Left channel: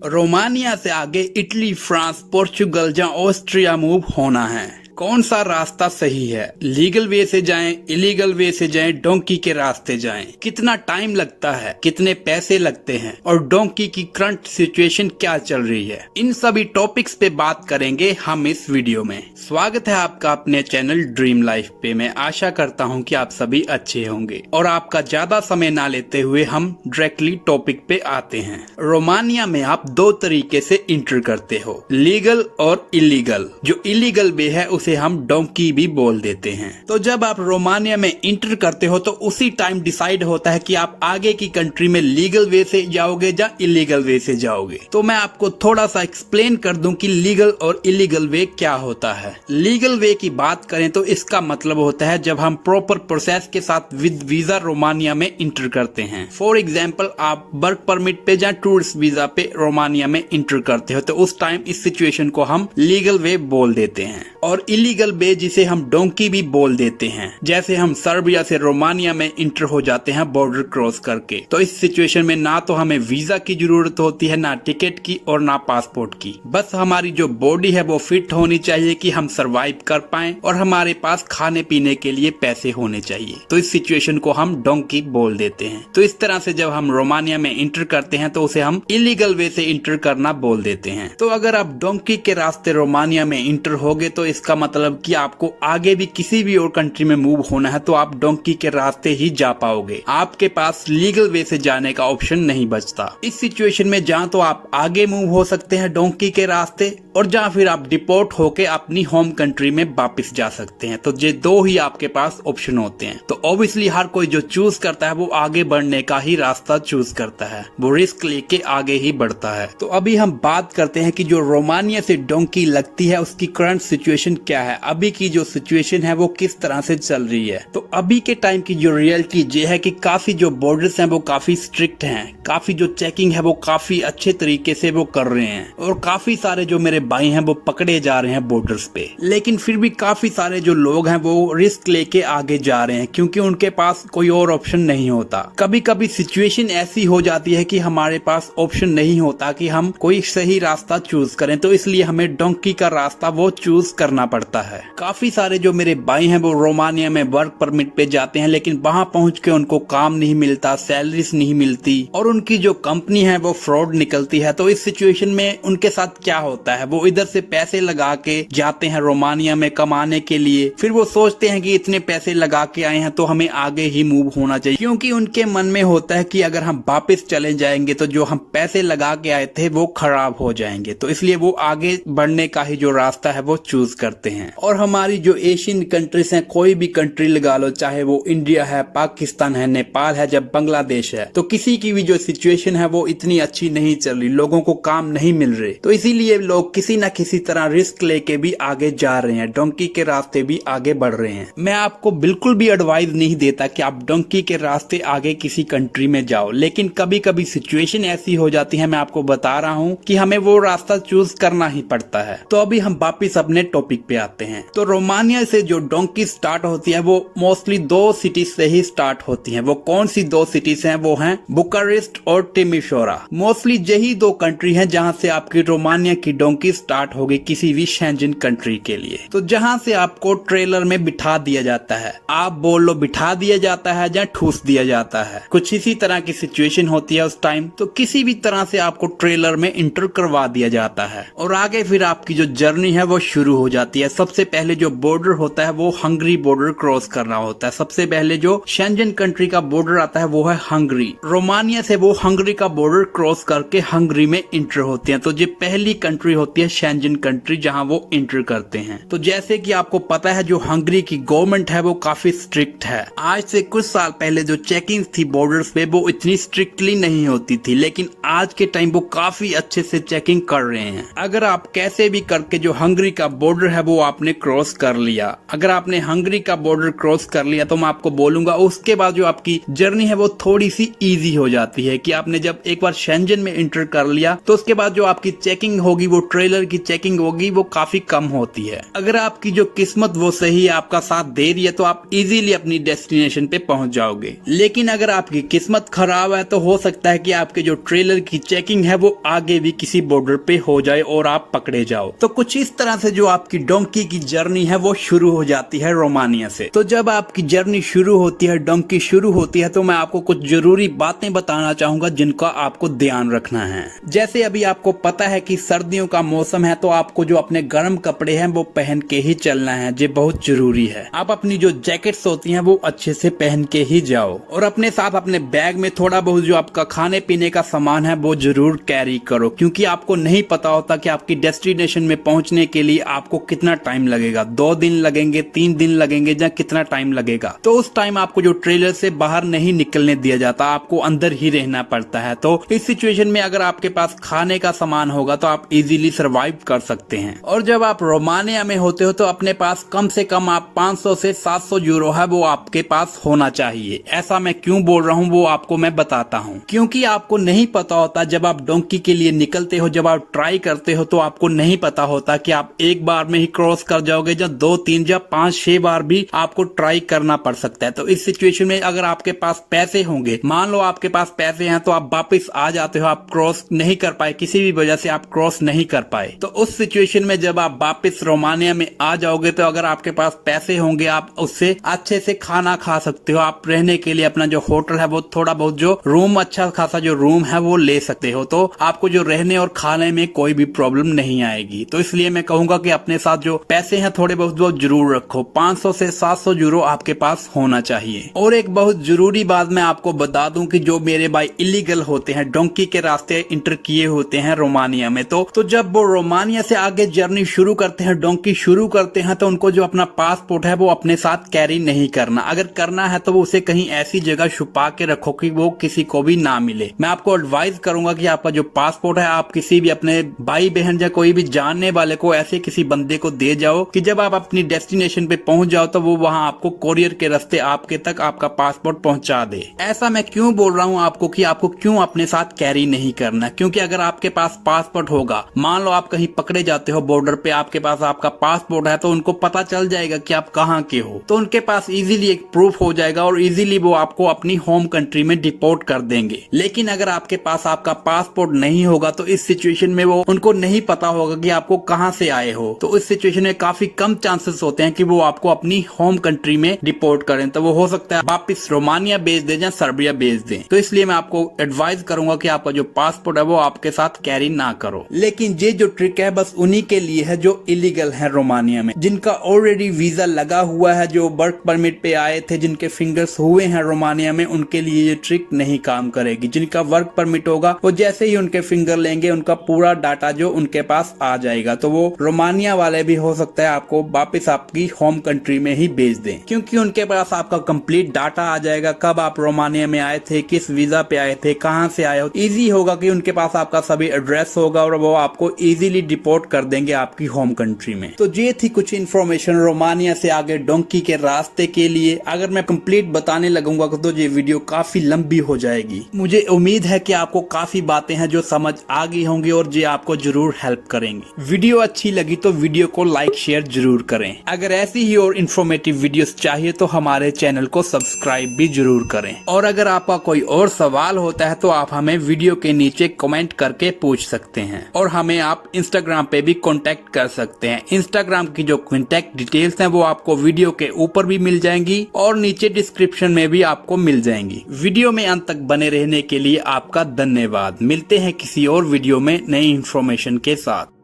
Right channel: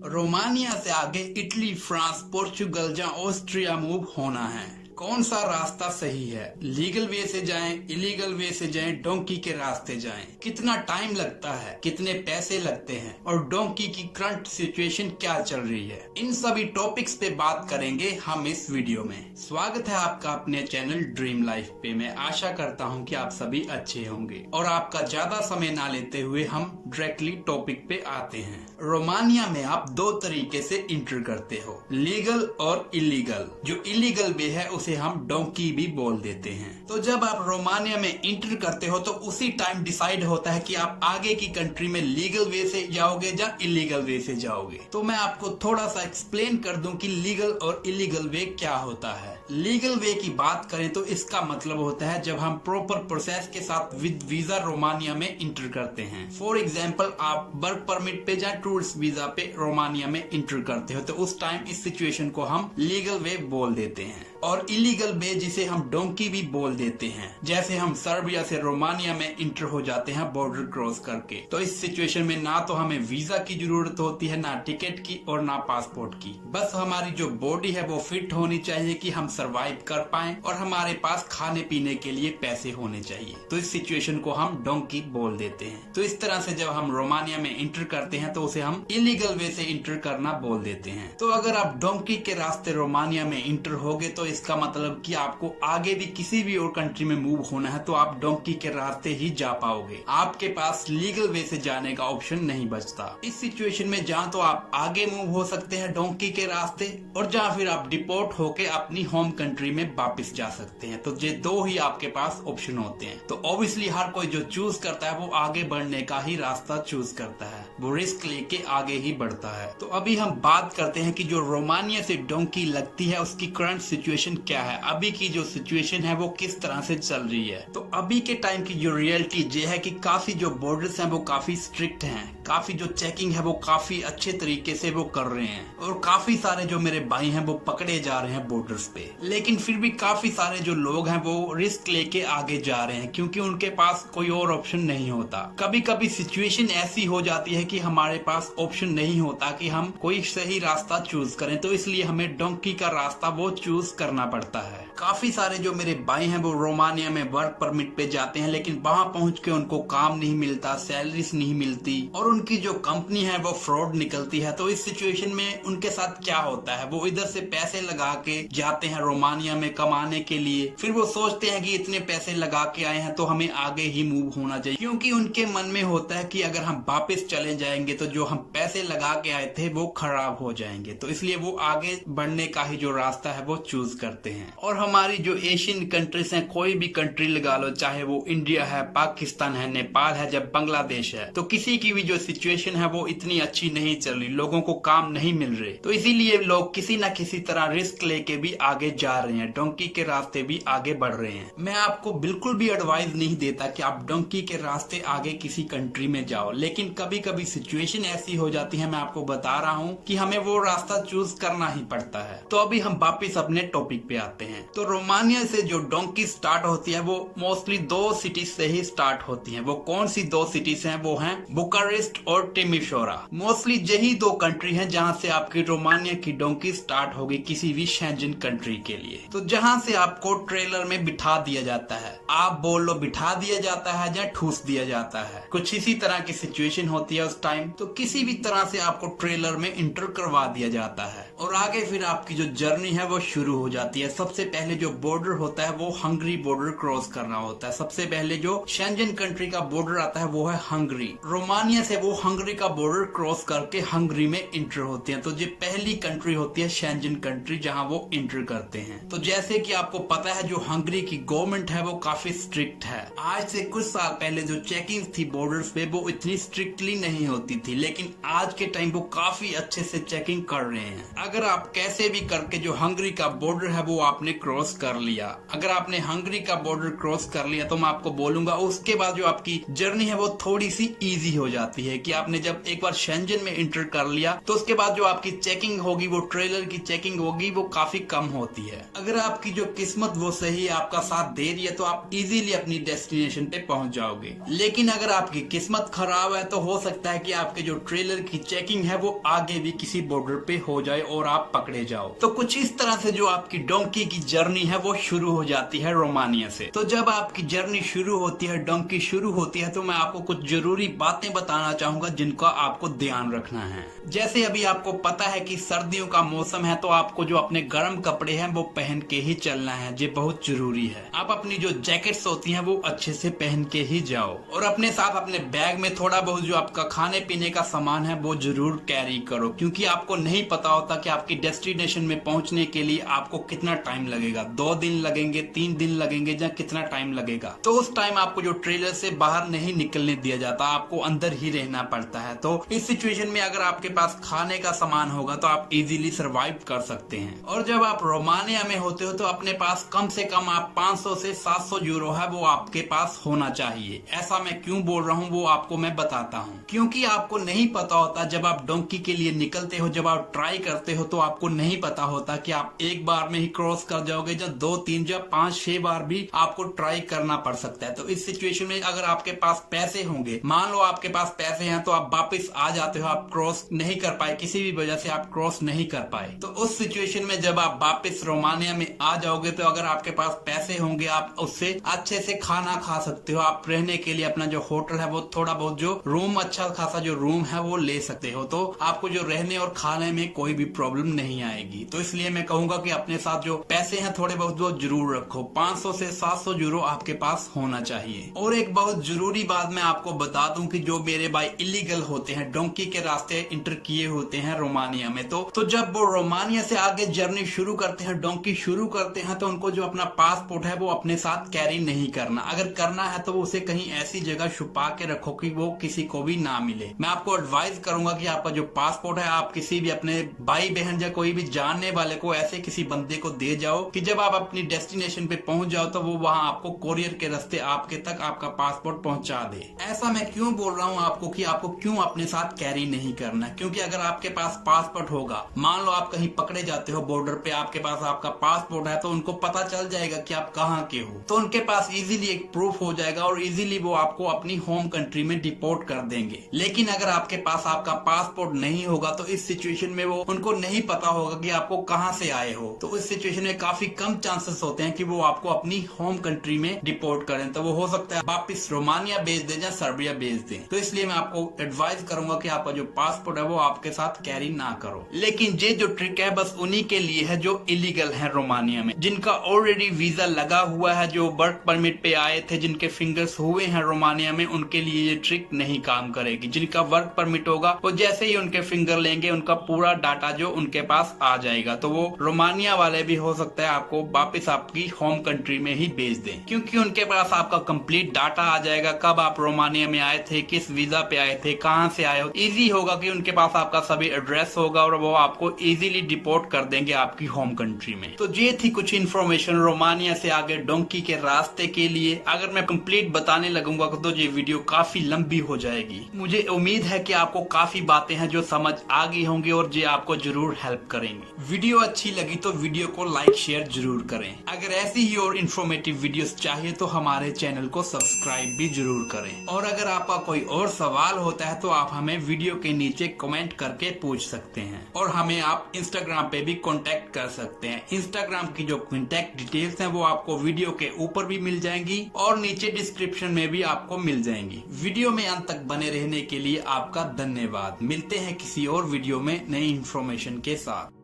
Romania से आगे Italy, France, Portugal या ऑस्ट्रिया मूव होना है। कौन सा रास्ता सही है? लीगल वे से जाएं, इलीगल वे से जाएं, डोंकी के रास्ते जाएं? कितना टाइम लगता है, कितने पैसे लगते हैं और डोंकी की करंट सिचुएशन क्या चल रही है, इन सभी टॉपिक्स पे बात करेंगे हम इस वीडियो में। स्वागत है आपका अपने चैनल ड्रीम लाइफ पे। मैं आशा करता हूँ कि आप सभी अच्छे होंगे और आपका ज्यादा समय ना लेते हुए हम डायरेक्टली टॉपिक पे आते हैं। रोमानिया में आप दो तरीके से इंटर करते हो, लीगल और इलीगल। जो इलीगल वे है उसे हम डोंकी भी बोल देते हैं। तो जब आप रोमानिया में इंटर करते हो तो उसी टाइम डिसाइड होता है कि आप आगे की कंट्री में लीगल वे से जाओगे या इलीगल वे से जाओगे। तो मैं आपको थोड़ा सा एक्सप्लेन कर दूं कि लीगल और इलीगल वे क्या होता है। लीगल वे की बात करें तो इसका मतलब होता है जब हम प्रॉपर प्रोसेस के साथ विद वीजा रोमानिया में इंटर करते हैं। फॉर एग्जाम्पल, आप वर्क परमिट पे या टूरिस्ट वीजा पे रोमानिया में इंटर करते हो तो उस टाइम इस सिचुएशन को हम लीगल वे बोल देते हैं। और इलीगल वे जिसे हम डोंकी भी बोल देते हैं, जैसे हम सर्बिया से रोमानिया में इंटर हो जाते हैं बॉर्डर क्रॉस करके, तो इस सिचुएशन में ना तो हमें वीजा की जरूरत होती है, ना टिकट की और ना पासपोर्ट की। बस हमारी जो बॉडी है वो फिट होनी चाहिए कि हम सरवाइव कर पाएं और हमारे पास खाने पीने के लिए पैसे होने चाहिए। तो इस सिचुएशन को हम डोंकी बोल देते हैं। तो इस तरह से जब हम रोमानिया में इंटर करते हैं तो उसे हम इलीगल वे से इंटर करना बोल देते हैं। तो अगर आप डोंकी के रास्ते रोमानिया में इंटर होगे तो इसका मतलब कि आपको आगे भी किसी भी और कंट्री में मूव होना है तो आप डोंकी के रास्ते ही जा पाओगे। आपके पास लीगल वे से जाने का ऑप्शन नहीं बचता। इस सिचुएशन में जहाँ तो आप आगे मूव हो सकते हैं डोंकी के रास्ते, और जहाँ फिर आप डिपोर्ट होके अपनी होम कंट्री में वापस जा सकते हैं। तो ये दो ही आपके पास ऑप्शन होते हैं। तो ऑब्वियसली हर कोई जो चूज करता है वो आगे बढ़ने का ही रास्ता चूज करता है, वो रिस्क लेके आगे ही बढ़ता है। तो अभी हम बात करते हैं कि जो रोमानिया से डोंकी लगती है उसकी करंट सिचुएशन क्या है, अभी की जो सिचुएशन है वो किस तरह से चल रही है। तो अभी के टाइम की जो रियलिटी ये है कि काफी जो बॉर्डर्स हैं वो काफी स्ट्रिक्ट हैं, काफी जो चेकिंग है वो काफी अच्छे तरीके से वो कर रहे हैं और काफी सारे जो मेरे भाई हैं वो पकड़े जा रहे हैं बॉर्डर्स पे। लेकिन फिर भी काफी सारे जो लोग हैं वो रिस्क लेके आगे जा रहे हैं क्योंकि उनके पास कोई और ऑप्शन नहीं होता। कभी कभी सिचुएशन ऐसी हो जाती है कि हमारे पास ऑप्शन नहीं होता कि हम कोई सही रास्ता चूज करें, तो इसलिए हमें डोंकी का रास्ता वो चूज करना पड़ता है। काफी सारे जो मेरे भाई हैं वो रोमानिया में वर्क परमिट पे जाते हैं, लेकिन वहां पहुंच के उनको काम नहीं मिलता, सैलरीज नहीं मिलती और उनकी जो कंपनी है वो फ्रॉड निकलती है। तो इस सिचुएशन में उनके साथ क्या होता है, वो इधर से पैसे लगा के जाते हैं रोमानिया में कमाने के लिए, फिर वो सोचते हैं कि इतने पैसे लगा के आए हैं तो हमें आगे ही मूव होना चाहिए, क्योंकि उनके मन में होता है कि अगर हम वापस चले जाएंगे तो जो हम पैसे लगा के आए थे वो खराब हो जाएंगे। तो इसलिए वो आगे बढ़ने का ही जो रास्ता है वो चूज करते हैं। और हमारी जो एशियन कंट्रीज हैं, कोई भी कंट्री लगा लो, चाहे वो इंडिया है, पाकिस्तान है, नेपाल है, जब बांग्लादेश है, तो किसी की भी जो सिचुएशन है वो इतनी अच्छी नहीं चल रही, लोगों को काम नहीं मिल रहे। तो इसीलिए लोग किसी न किसी तरह रिस्क लेके भी आगे जा रहे हैं, डोंकी के रास्ते भी आगे बढ़ रहे हैं। मैं आपको बिल्कुल भी एडवाइस नहीं देता कि आप डोंकी के रास्ते आगे किसी कंट्री में जाओ, लेकिन कभी कभी सिचुएशन ऐसी हो जाती है, मैं आपको बता रहा हूँ कि हमें वो रास्ता चूज करना ही पड़ता है। तो अभी हम वापिस अपने टॉपिक पे आते हैं। तो रोमानिया से जो डोंकी स्टार्ट होती है वो मोस्टली दो सिटीज से ही स्टार्ट होती है। वो कौन सी दो सिटीज हैं? वो हैं बुकारेस्ट और टिमिशोरा। मोस्टली यही दो कंट्री हैं जहां से आपकी रोमानिया की डोंकी स्टार्ट होगी किसी भी शेंजन कंट्री के लिए। तो जहां से आपको ट्रेलर में बिठा दिया जाता है, आप बोल लो बिठा दिया जाता है या ठूस दिया जाता है, कुछ इसी तरह की सिचुएशन होती है उस टाइम। तो किसी भी तरह से आपको ट्रेलर में इंटर करवा दिया जाता है और आगे फिर आपकी जो जर्नी है वो शुरू हो जाती है। सबसे पहले जो बॉर्डर होता है वो हंगरी बॉर्डर क्रॉस करना होता है। सबसे पहले जो शेंजन कंट्री का बॉर्डर आता है वो है हंगरी। रोमानिया से वो हंगरी का बॉर्डर क्रॉस करके हंगरी में इंटर होते हैं। तो ये पहली कंट्री होती है शेंजन कंट्री जहां वो इंटर करते हैं। तो जैसे कि आपको पता है जो हंगरी की गवर्नमेंट है वो काफी स्ट्रिक्ट है। आज से कुछ साल पहले जो चेकिंग थी बॉर्डर्स पे वो इतनी स्ट्रिक्टली नहीं होती थी, लेकिन आज के टाइम वो काफी अच्छे से चेकिंग कर रहे हैं। अगर आप कैसे भी करके जो हंगरी का बॉर्डर है वो वो आपने क्रॉस कर लिया। अगर आपने हंगरी का बॉर्डर क्रॉस कर लिया तो मैं आपको बोलूंगा उसके बाद जो आपकी जर्नी है वो थोड़ी सी इजी हो जाती है कि आपने जब एक बार शेंजन में इंटर कर लिया तो उसके बाद जो आपकी चेकिंग होगी, वो ट्रेलर की चेकिंग होगी, वो काफी कम होती है। अगर आपकी जो किस्मत वो सही है, आपका साथ दे रही है, तो आप इजीली अपनी डेस्टिनेशन पे पहुंच जाओगे। लेकिन अगर आपकी किस्मत खराब है तो हो सकता है कि आपके जो ट्रेलर की चेकिंग है वो आगे भी किसी बॉर्डर पे हो जाए और आप पकड़े जाओ। तो कुछ इस तरह से जो आपकी डोंकी की जर्नी है वो शुरू हो जाती है रोमानिया से। तो जब आपकी जर्नी शुरू होती है, डोंकी शुरू होती है, तो मैं आपको कुछ जरूरी बातें बताना चाहूंगा जिनका आपको ध्यान रखना है। जैसे अभी आपको पता है कि सर्दियों का मौसम है, तो आपको जो अपने गर्म कपड़े हैं वो पहन के ही चलना है, ये बहुत जरूरी है। आप अपनी जो जैकेट्स होती हैं वो अच्छे से पहन के ही जाओ और अपने साथ अपने बैग में थोड़ा बहुत जो आपका खाने पीने का सामान है वो जरूर कैरी करो, क्योंकि आपको नहीं पता होता कि आपकी डेस्टिनेशन में पहुंचने के लिए आपको कितना टाइम लगेगा। 2 दिन लगेंगे, 3 दिन लगेंगे, या कितना टाइम लगेगा। तो उस टाइम आपको जो ट्रेलर से बाहर नहीं निकलने दिया जाता, आपको अंदर ही रहना पड़ता है। तो इस सिचुएशन में अगर आपके पास खाने का सामान होगा तो आप इजीली सरवाइव कर सकते हैं। और जब आप रोमानिया में होते हो तो अपने पास कम से कम आप 500 से 700 यूरो है वो आपके पास होना चाहिए। ऐसा मैं क्यों बोल रहा हूँ वो आपको मैं बताता हूँ, क्योंकि आपको नहीं पता होता जब आप डोंकी के लिए निकलते हो, जब आप ट्राई करते हो तो आपको नहीं पता होता कि आप एक बार में ही क्रॉस कर जाओगे, या 2, 3 या 5, 6 बार भी आपको ट्राई करना पड़ सकता है। तो इस सिचुएशन में अगर आपके पास पैसे होंगे, मान लो आपके पास पैसे हैं, तो आप वापस आ जाते हो, आप क्रॉस नहीं कर पाए, किसी भी वजह से आप क्रॉस नहीं कर पाए, तो उस सिचुएशन में जब आप वापस रोमानिया में आ जाओगे तो अगर आपके पास पैसे होंगे आप उससे अच्छे से खाना खा सकते हो। आप रहने के लिए अपना जो होटल है वो थोड़ा बहुत जो रूम, अच्छा खासा जो रूम है वो ले सकते हो, तो आपको जो रहने और खाने में कोई भी प्रॉब्लम नहीं आएगी। तो इसलिए मैं कहूंगा कि अपने साथ जो पैसे हैं थोड़े बहुत वो जरूर रखो। 500 से 700 यूरो आपके पास होना चाहिए। और एक बहुत जरूरी बात मैं आपको बता दूं कि जो मेरे भाई इलीगल होते हैं, डोंकी के रास्ते इंटर किए होते हैं रोमानिया में, तो जब वो रोमानिया से आगे जर्नी शुरू करते हैं, डोंकी शुरू करते हैं, तो उनको जो अपना पासपोर्ट है वो अपने साथ कैरी नहीं करना। अगर करना है तो वो उसे कहीं ऐसी जगह छुपा के रखो कि वो किसी को भी ना मिले। मैं आपको एडवाइस करूंगा कि आपका जो पासपोर्ट है आप किसी भी अपने भाई बहन या कोई भी जानने वाले को, ऐसे किसी बंदे को दे जाओ कि जब आप अपनी डेस्टिनेशन पे पहुंच जाओ तो वो वहां आपको कोरियर के रास्ते आपके तक आपका पासपोर्ट पहुंचा दे। ऐसा मैं क्यों बोल रहा हूं आपको कि आपको क्यों अपने साथ कैरी नहीं करना, क्योंकि अगर आपके पास पासपोर्ट होगा, मान लो आप कहीं पकड़े जाते हो बॉर्डर पे, आपके पास आपका पासपोर्ट है, तो उनको पता चल जाएगा कि आप कहाँ के हो, तो उनके पास इजीली एक प्रूफ हो जाएगा और इजीली वो आपको अपनी होम कंट्री में डिपोर्ट कर देंगे। लेकिन अगर आपके पास आपका पासपोर्ट नहीं होगा तो इस सिचुएशन में वो उनको नहीं पता होगा कि आपको कहां से आए हो, तो इस सिचुएशन में काफी कम चांसेस होते हैं कि वो आपको अपनी होम कंट्री में डिपोर्ट करें। तो वो हो सकता है वापस रोमानिया भेज दें या सर्बिया भेज दें। तो इसलिए मैं आपको एडवाइस करूंगा कि आपका जो पासपोर्ट है वो आपके साथ कैरी ना करो। लेकिन ये जो ट्रिक है बस उन्हीं के लिए है जो इलीगल है रोमानिया में, जिनका ऑलरेडी वीजा लगा हुआ है, जो वर्क परमिट पे आए थे, जिनके फिंगर्स हुए हैं रोमानिया में, उनके लिए ये ट्रिक नहीं काम करेगी। जिनका वर्क परमिट होगा वो जैसे ही उनके फिंगर लेंगे उनका पूरा डाटा जो उनके पास आ जाएगा, तो वो रोमानिया वाले भी हो सकता है आपको वापस आपकी होम कंट्री में ही भेज दें, क्योंकि उनके पास आपका कंप्लीट डाटा आ जाएगा, कब आप रोमानिया में आए थे, किस वीजा पे आए थे, कहां से आए हो। इजी होगा कि उनके पास आपका सभी एड्रेस होगा और वो आपको इजीली डिपोर्ट कर देंगे आपकी होम कंट्री में। तो ये थी कुछ इन्फॉर्मेशन रोमानिया से आगे डोंकी के रास्ते के लिए। अगर मैं कंप्लीट बताने लगूंगा तो ये वीडियो काफी लंबी हो जाएगी। मुझे उम्मीद है कि आपको काफी बातें हैं जो समझ आ गई होंगी और ये आपको जरूर हेल्प करेंगे। वीडियो अच्छी लगी तो वीडियो को लाइक शेयर जरूर करें। अगर ऐसी ही और इन्फॉर्मेटिव वीडियोस चाहिए तो हमारे चैनल को सब्सक्राइब भी जरूर करें। और अगर आपका कोई और सवाल होता है तो आप हमें वीडियो के नीचे कमेंट करके पूछ सकते हैं और हमें आप इंस्टाग्राम पे भी कांटेक्ट कर सकते हैं। इंस्टाग्राम की जो कांटेक्ट डिटेल्स हैं वो आपको वीडियो के ऊपर भी मिल जाएंगी और नीचे डिस्क्रिप्शन में भी आपको मिल जाएंगी। वीडियो में अंत तक बने रहने के लिए आपका धन्यवाद। मिलते हैं किसी और वीडियो में नई इन्फॉर्मेशन के साथ।